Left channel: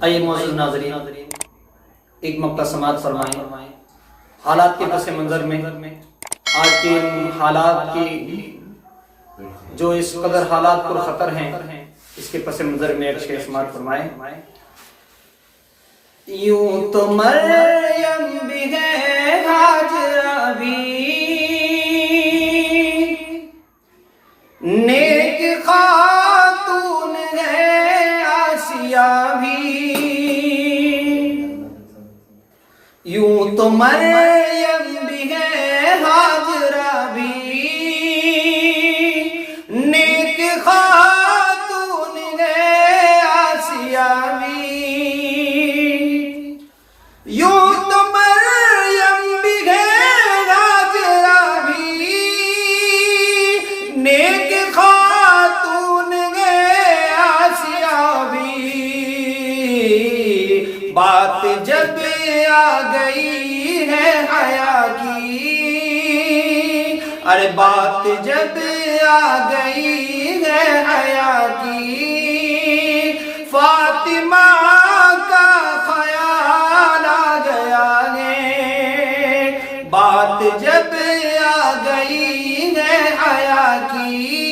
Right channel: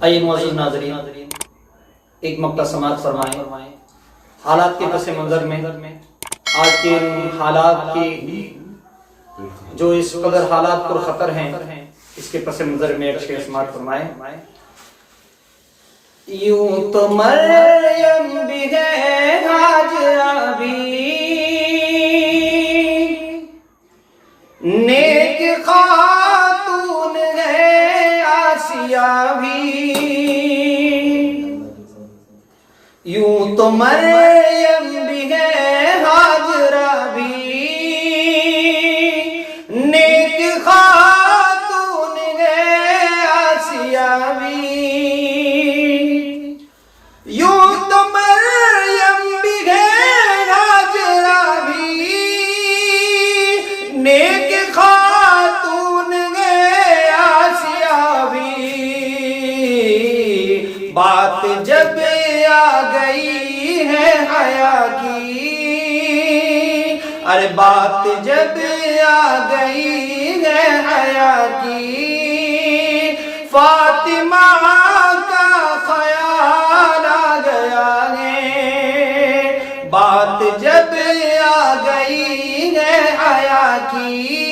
آئیے معزز ناظرین ایک مقطع سماعت فرمائیں۔ حالات کے پس منظر میں آج کے حالات کی جو اس قدر حالات پر خطر ہیں، اس کے پس منظر میں ایک شعر سماعت فرمائیں۔ یوں تو مریم بھی ہے، ہاجرہ بھی، نیک خاتون ہے آسیہ بھی۔ یوں تو مریم بھی ہے، ہاجرہ بھی، نیک خاتون ہے آسیہ بھی۔ یوں تو مریم بھی ہے، ہاجرہ بھی، نیک خاتون ہے آسیہ بھی۔ بات جب آ گئی ہے حیا کی، ارے بات جب آ گئی ہے حیا کی، فاطمہ کا خیال آ گیا ہے۔ بات جب آ گئی ہے حیا کی،